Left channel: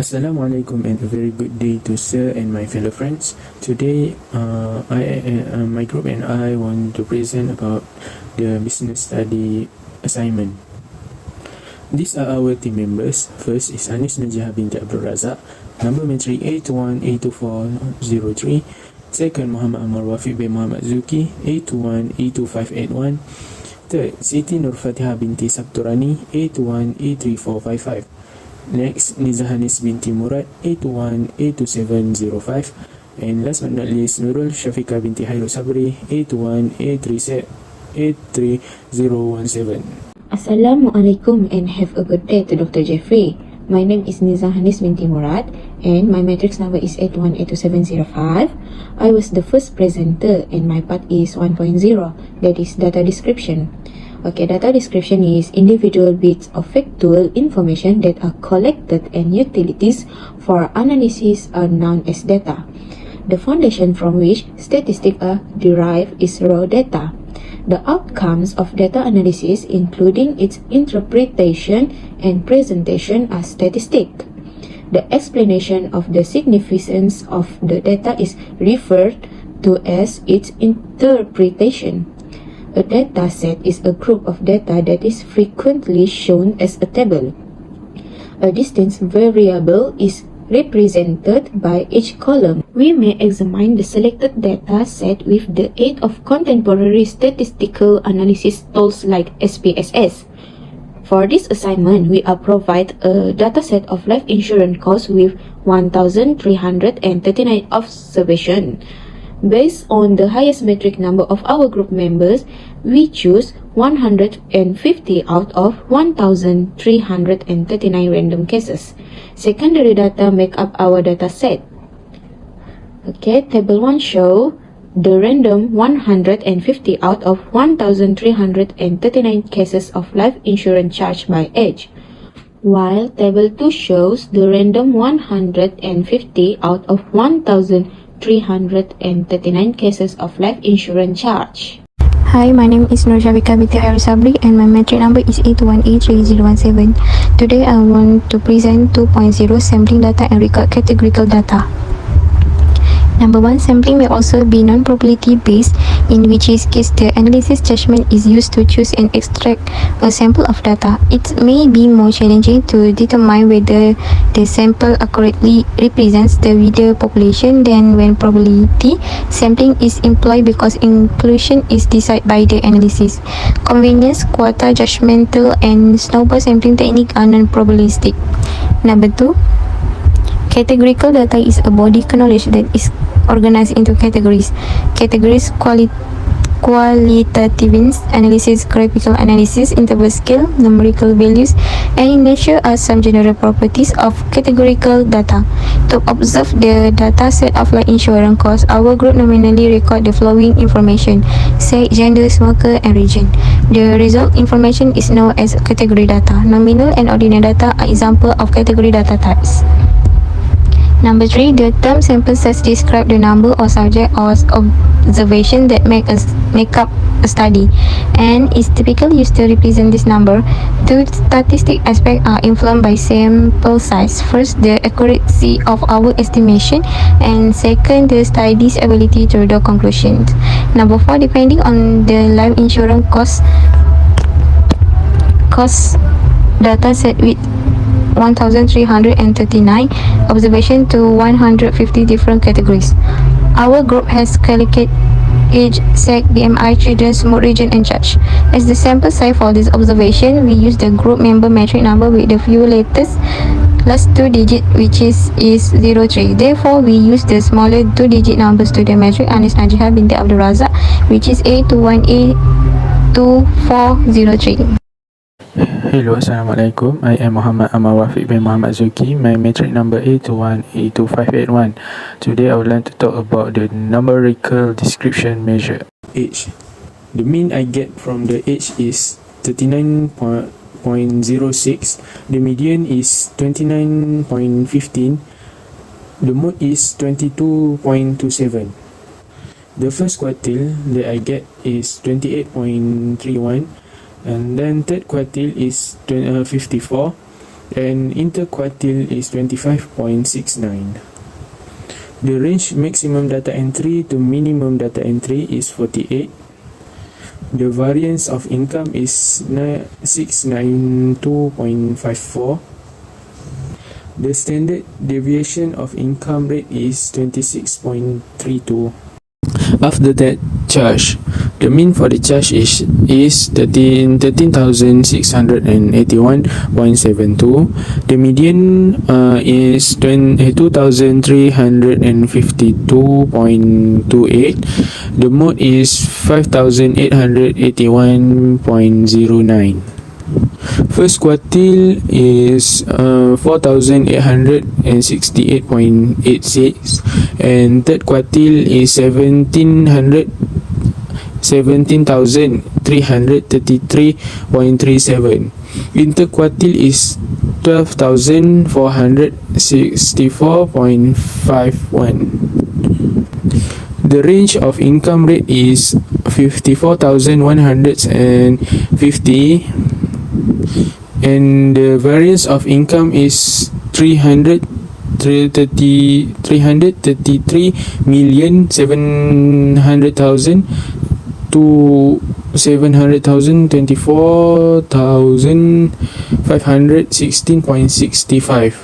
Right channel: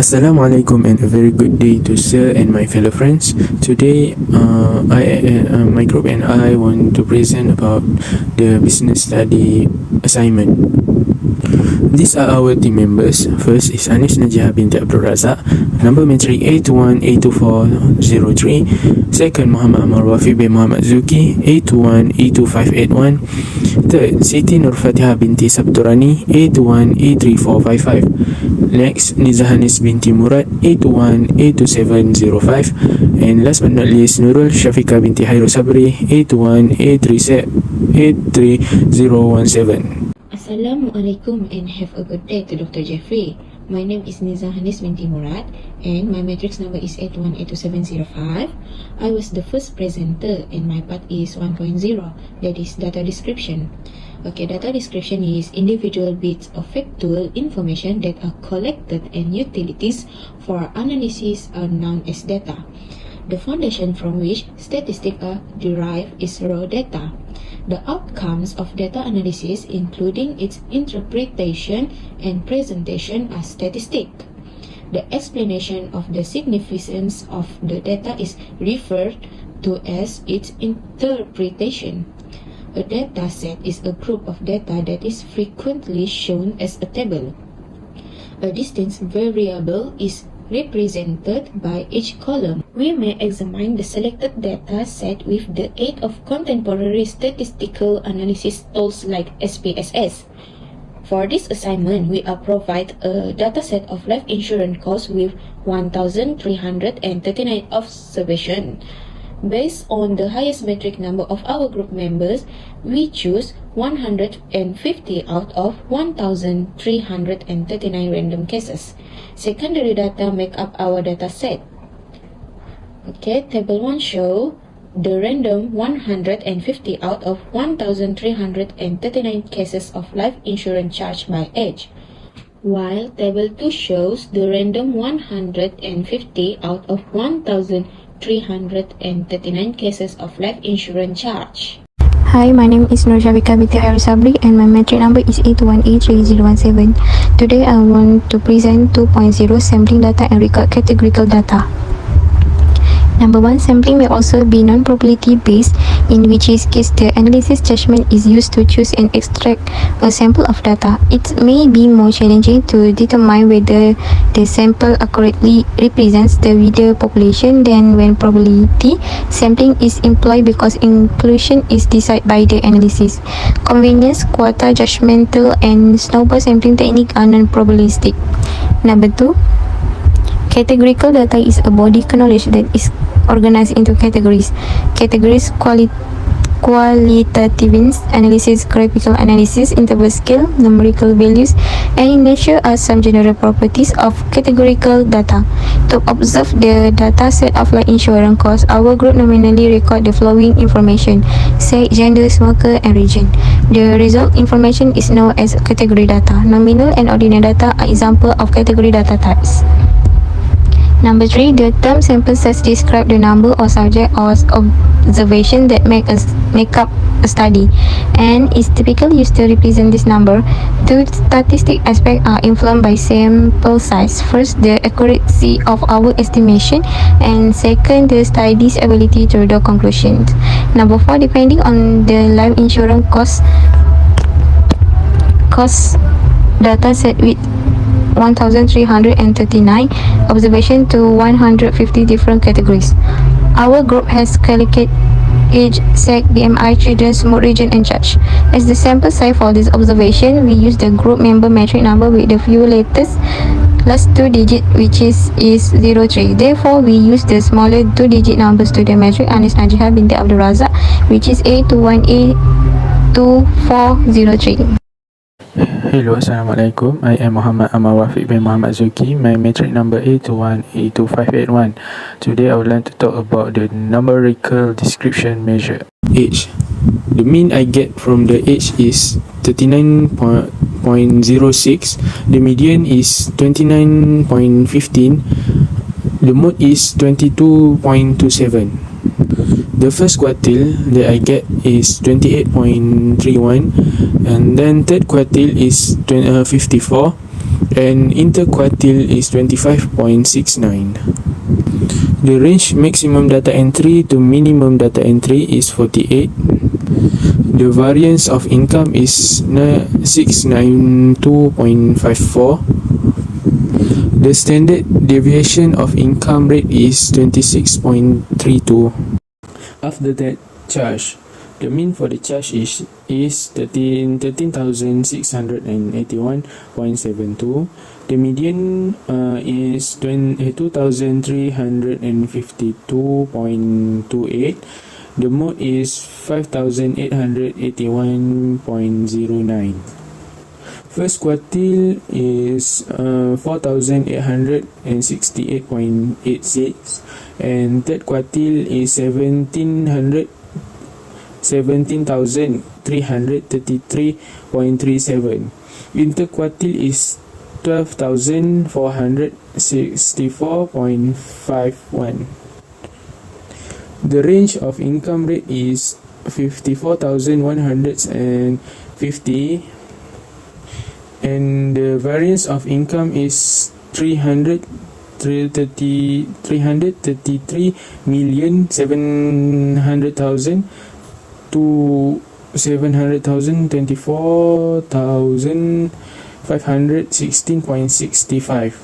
Assalamualaikum and a very good day to sir and my fellow friends. Today, my group and I want to present about the business study assignment. These are our team members. First is NIZAHANIS binti RAZAK, number matric A21 Second, Ammar Wafiq bin Muhammad ZUKI, A21 Third, SITI NURFATIHAH binti SABTURANI, A21 Next, NIZAHANIS binti MURAD, A2705. And last but not least, NURUL SHAHFIKA binti HAIRUSABRI, A3017. Assalamualaikum and have a good day to Dr. Jeffrey. My name is NIZAHANIS binti MURAD and my matrix number is 818275. I was the first presenter and my part is 1.0, that is data description. Okay, data description is individual bits of factual information that are collected and utilities for analysis are known as data. The foundation from which statistics are derived is raw data. The outcomes of data analysis, including its interpretation and presentation, are statistics. The explanation of the significance of the data is referred to as its interpretation. A data set is a group of data that is frequently shown as a table. A distance variable is represented by each column. We may examine the selected data set with the aid of contemporary statistical analysis tools like SPSS. For this assignment, we are provide a dataset of life insurance costs with 1,339 observations. Based on the highest metric number of our group members, we choose 150 out of 1,339 random cases. Secondary data make up our data set. Okay, table 1 show the random 150 out of 1,339 cases of life insurance charged by age, while table 2 shows the random 150 out of 1,339 cases of life insurance charge. Hi, my name is SHAHFIKA binti HAIRUSABRI and my matric number is 81A3017. Today I want to present 2.0 sampling data and record categorical data. Number 1, sampling may also be non-probability based, in which case the analysis judgment is used to choose and extract a sample of data. It may be more challenging to determine whether the sample accurately represents the wider population than when probability sampling is employed because inclusion is decided by the analysis. Convenience, quota, judgmental, and snowball sampling technique are non-probabilistic. Number 2, categorical data is a body of knowledge that is organized into categories. Categories: qualitative analysis, graphical analysis, interval scale, numerical values, and in nature are some general properties of categorical data. To observe the data set of life insurance costs, our group nominally record the following information: sex, gender, smoker, and region. The result information is known as category data. Nominal and ordinal data are examples of category data types. Number 3, the term sample size describe the number of subject or observation that make up a study and is typically used to represent this number. Two statistic aspects are influenced by sample size. First, the accuracy of our estimation, and second, the study's ability to draw conclusions. Number 4, depending on the life insurance cost data set with 1,339 observation to 150 different categories. Our group has collected age, sex, BMI, children's mood, region, and charge. As the sample size for this observation, we use the group member metric number with the few letters last 2 digits, which is 03. Therefore, we use the smaller 2-digit numbers to the metric NIZAHANIS binti RAZAK, which is A21A2403. Hello, Assalamualaikum. I am Ammar Wafiq bin Muhammad ZUKI. My matric number A21A2581. Today I would like to talk about the numerical description measure. Age. The mean I get from the age is 39.06. The median is 29.15. The mode is 22.27. The first quartile that I get is 28.31, and then third quartile is 54, and interquartile is 25.69. The range maximum data entry to minimum data entry is 48. The variance of income is 692.54. The standard deviation of income rate is 26.32. After that, charge. The mean for the charge is 13,681.72. The median is 2,352.28. The mode is 5,881.09. First quartile is 4,868.86, and third quartile is 17,333.37. Interquartile is 12,464.51. The range of income rate is 54,150, and the variance of income is 333,700,000 to 724,516.65.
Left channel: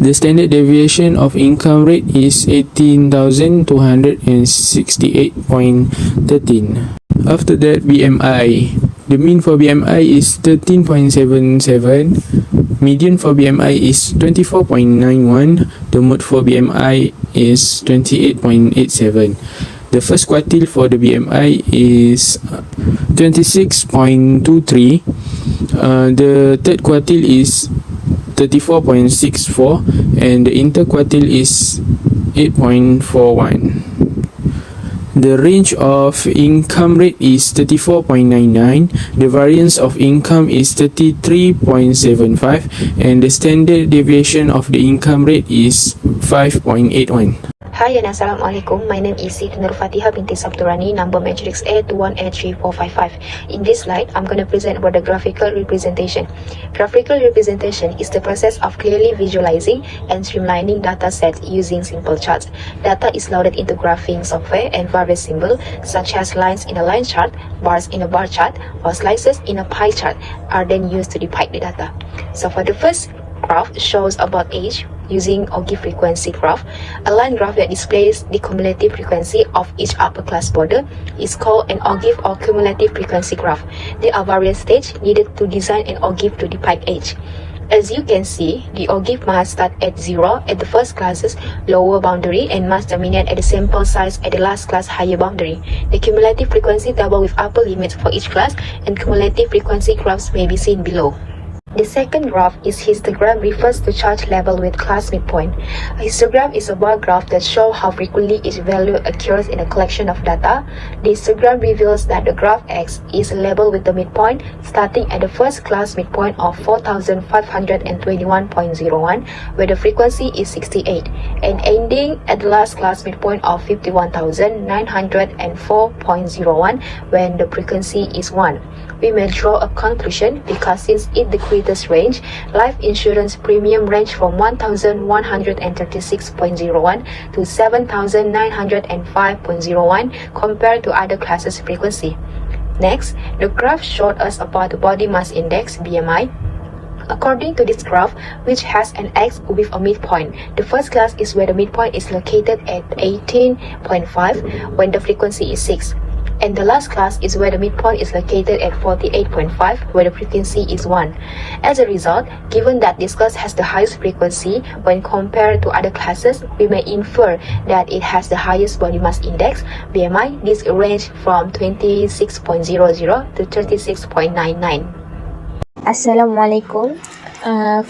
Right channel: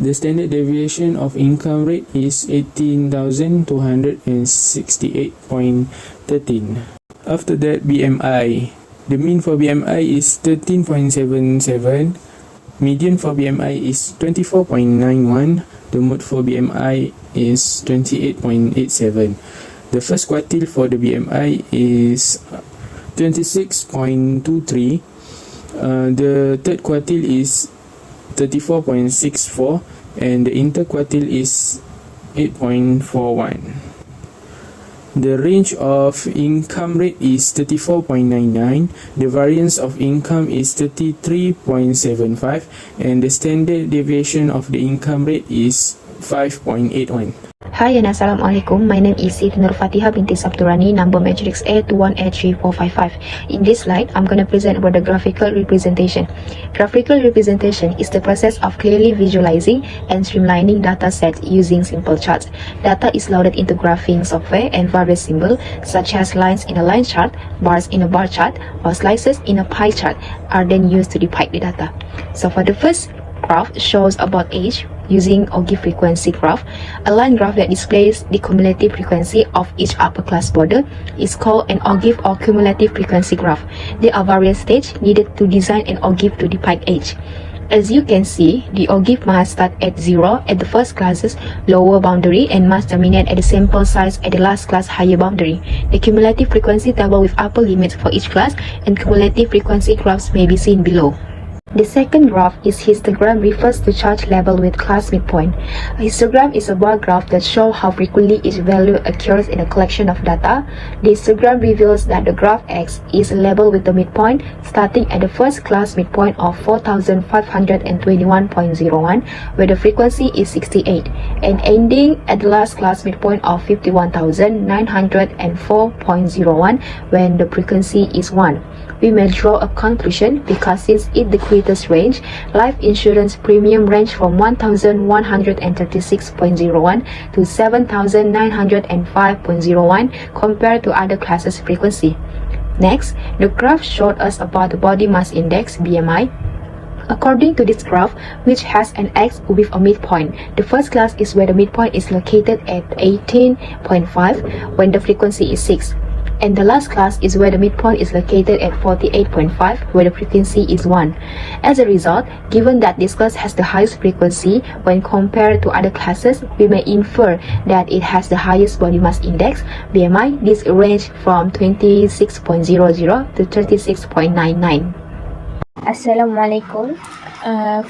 The standard deviation of income rate is 18,268.13. After that, BMI. The mean for BMI is 13.77. Median for BMI is 24.91. The mode for BMI is 28.87. The first quartile for the BMI is 26.23. The third quartile is 34.64, and the interquartile is 8.41. The range of income rate is 34.99. The variance of income is 33.75, and the standard deviation of the income rate is 5.81. Hi and Assalamualaikum. My name is NURFATIHAH binti SABTURANI, number matrix A21034555. In this slide, I'm going to present about the graphical representation. Graphical representation is the process of clearly visualizing and streamlining data sets using simple charts. Data is loaded into graphing software, and various symbols such as lines in a line chart, bars in a bar chart, or slices in a pie chart are then used to depict the data. So for the first graph shows about age using OGIF frequency graph. A line graph that displays the cumulative frequency of each upper class border is called an OGIF or cumulative frequency graph. There are various stages needed to design an OGIF to depict age. As you can see, the OGIF must start at 0 at the first class's lower boundary and must terminate at the sample size at the last class higher boundary. The cumulative frequency table with upper limits for each class and cumulative frequency graphs may be seen below. The second graph is histogram, refers to charge level with class midpoint. A histogram is a bar graph that shows how frequently each value occurs in a collection of data. The histogram reveals that the graph X is level with the midpoint starting at the first class midpoint of 4,521.01, where the frequency is 68, and ending at the last class midpoint of 51,904.01, when the frequency is 1. We may draw a conclusion because since it the greatest range, life insurance premium range from 1,136.01 to 7,905.01 compared to other classes' frequency. Next, the graph showed us about the body mass index BMI. According to this graph, which has an X with a midpoint, the first class is where the midpoint is located at 18.5 when the frequency is 6. And the last class is where the midpoint is located at 48.5, where the frequency is 1. As a result, given that this class has the highest frequency when compared to other classes, we may infer that it has the highest body mass index, BMI. This range from 26.00 to 36.99. Assalamualaikum.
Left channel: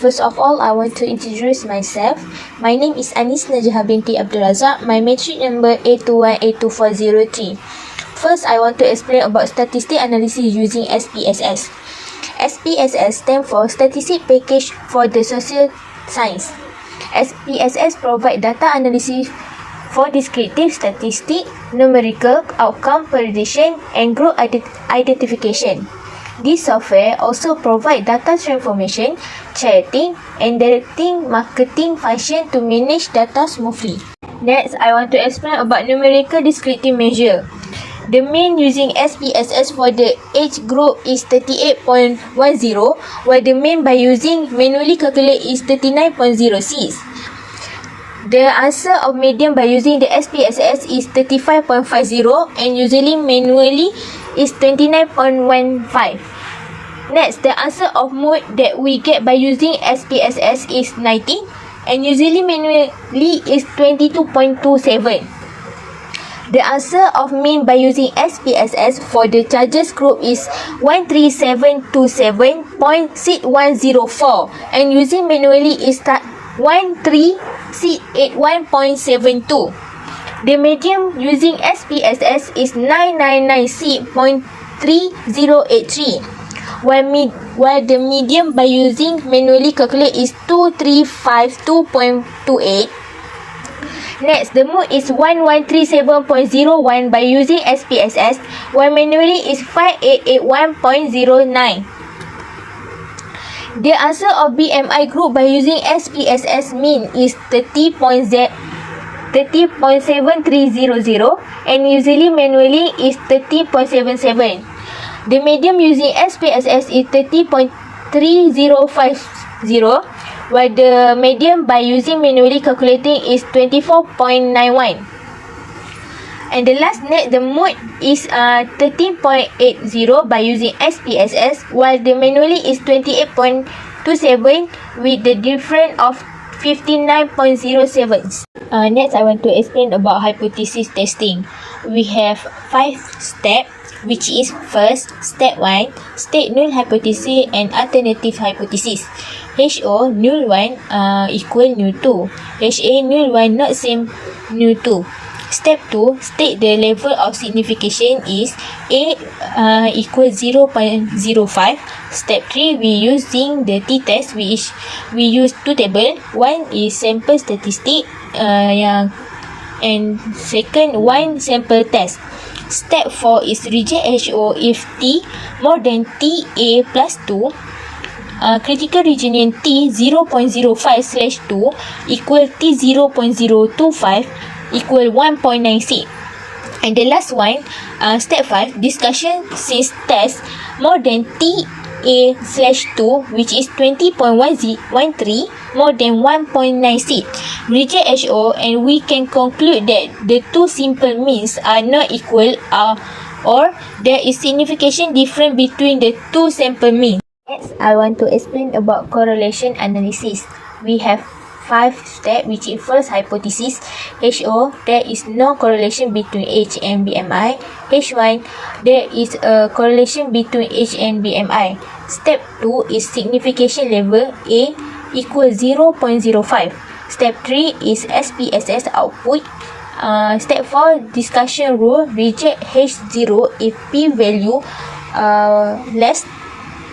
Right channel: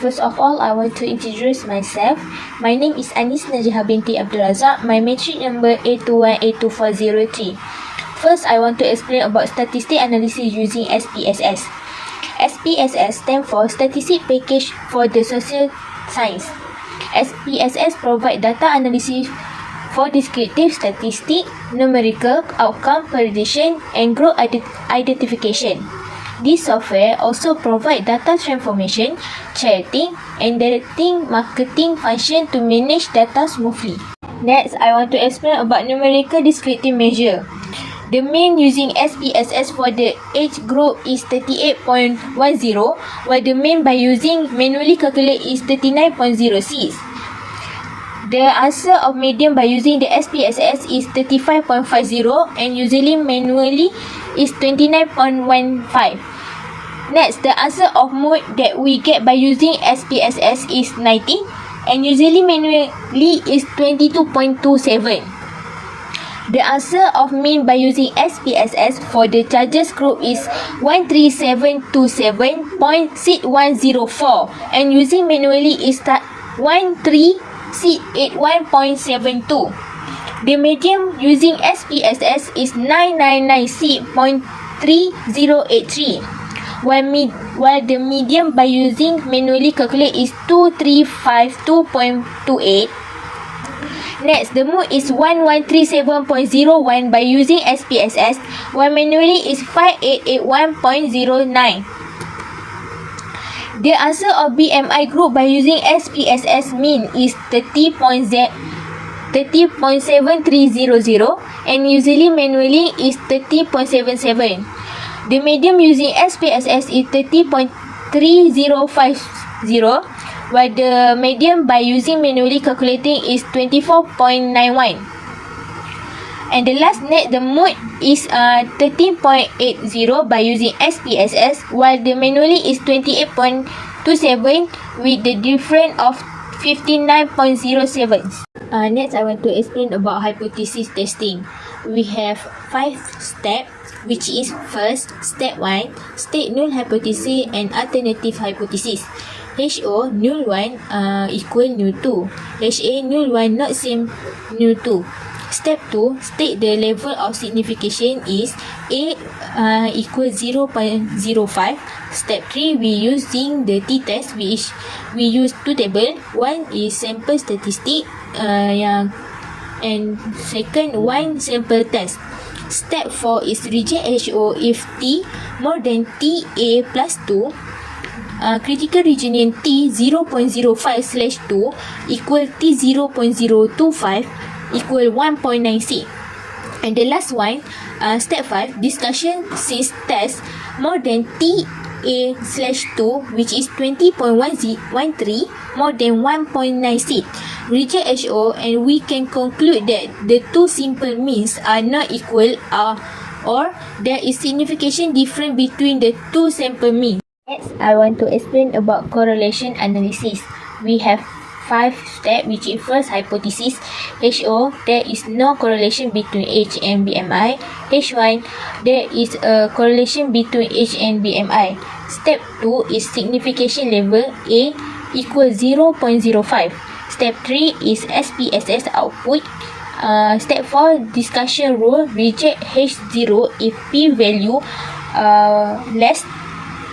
First of all, I want to introduce myself. My name is NIZAHANIS binti RAZAK. My matric number A2103. First, I want to explain about statistic analysis using SPSS. SPSS stands for Statistic Package for the Social Science. SPSS provides data analysis for descriptive statistics, numerical, outcome prediction, and group identification. This software also provides data transformation, charting, and directing marketing function to manage data smoothly. Next, I want to explain about numerical descriptive measure. The mean using SPSS for the age group is 38.10, while the mean by using manually calculate is 39.06. The answer of median by using the SPSS is 35.50 and usually manually is 29.15. Next, the answer of mode that we get by using SPSS is 90 and usually manually is 22.27. The answer of mean by using SPSS for the charges group is 13727.6104 and using manually is 1381.72. The median using SPSS is 999.3083, while the median by using manually calculate is 2352.28. Next, the mode is 1137.01 by using SPSS, while manually is 5881.09. The answer of BMI group by using SPSS mean is 30.7300 and usually manually is 30.77. The median using SPSS is 30.3050, while the median by using manually calculating is 24.91. And the last net, the mode is 13.80 by using SPSS, while the manually is 28.27 with the difference of 59.07. Next, I want to explain about hypothesis testing. We have 5 steps, which is first, step 1, state null hypothesis and alternative hypothesis. HO null 1 equal null 2. HA null 1 not same null 2. Step 2, state the level of signification is A equal 0.05. Step 3, we using the t-test, which we use two tables. One is sample statistic and second one sample test. Step 4 is reject HO if T more than TA plus 2. Critical region T 0.05/2 equal T 0.025 equal 1.96. And the last one, step 5, discussion since test more than TA/2 which is 20.13 more than 1.96. Reject HO and we can conclude that the two simple means are not equal or there is significant difference between the two sample means. Next, I want to explain about correlation analysis. We have 5 steps, which is first hypothesis. HO, there is no correlation between age and BMI. H1, there is a correlation between age and BMI. Step 2 is signification level A equal 0.05. Step 3 is SPSS output. Step 4, discussion rule, reject H0 if P value less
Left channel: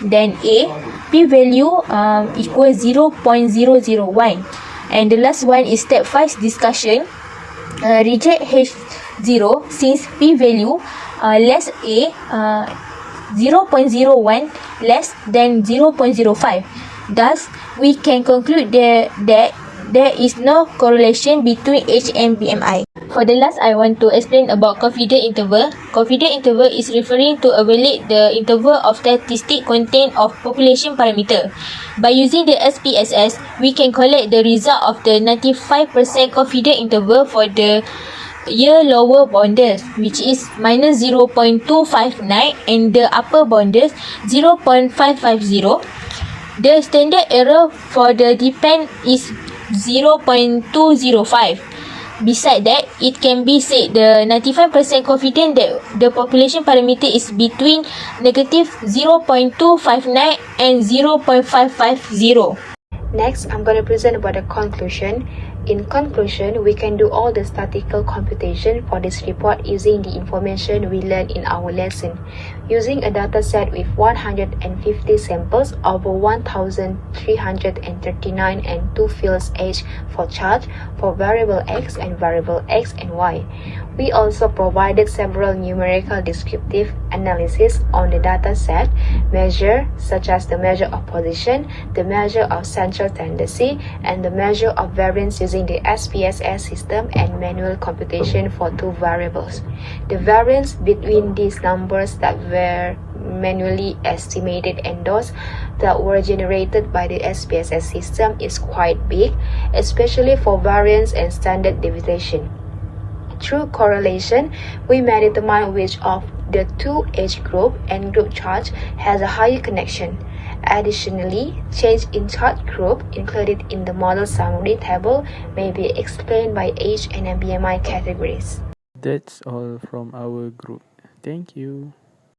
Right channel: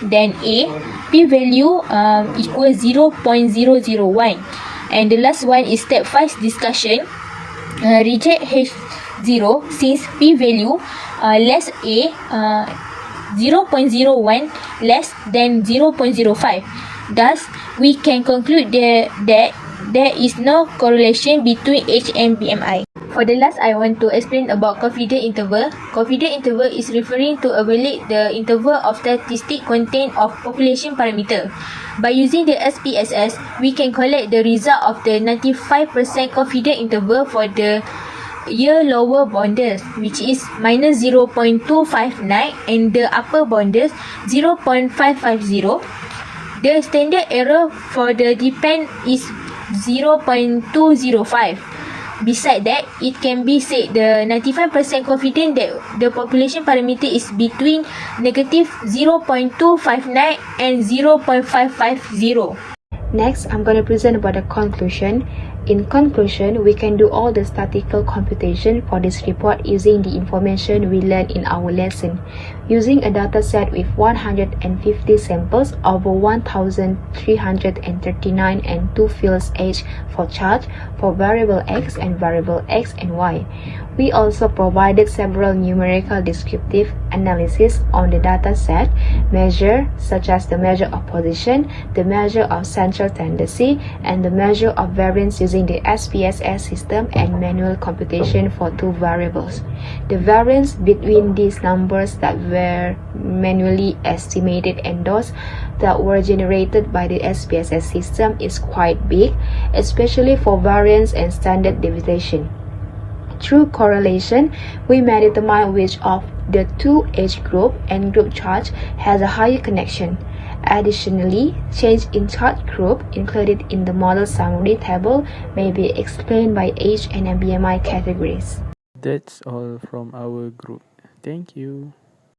than A, P value equal 0.001. And the last one is step 5, discussion, reject H0 since P value less A, 0.01 less than 0.05. Thus, we can conclude that there is no correlation between age and BMI. For the last, I want to explain about confidence interval. Confidence interval is referring to evaluate the interval of statistic content of population parameter. By using the SPSS, we can collect the result of the 95% confidence interval for the year lower boundaries, which is minus 0.259 and the upper boundaries 0.550. The standard error for the depend is 0.205. Besides that, it can be said the 95% confident that the population parameter is between negative 0.259 and 0.550. Next, I'm going to present about the conclusion. In conclusion, we can do all the statistical computation for this report using the information we learned in our lesson. Using a data set with 150 samples over 1,339 and 2 fields each for charge for variable x and variable x and y. We also provided several numerical descriptive analysis on the data set measure such as the measure of position, the measure of central tendency, and the measure of variance using the SPSS system and manual computation for 2 variables. The variance between these numbers that were manually estimated and those that were generated by the SPSS system is quite big, especially for variance and standard deviation. Through correlation, we may determine which of the 2 age group and group charge has a higher connection. Additionally, change in charge group included in the model summary table may be explained by age and BMI categories. That's all from our group. Thank you.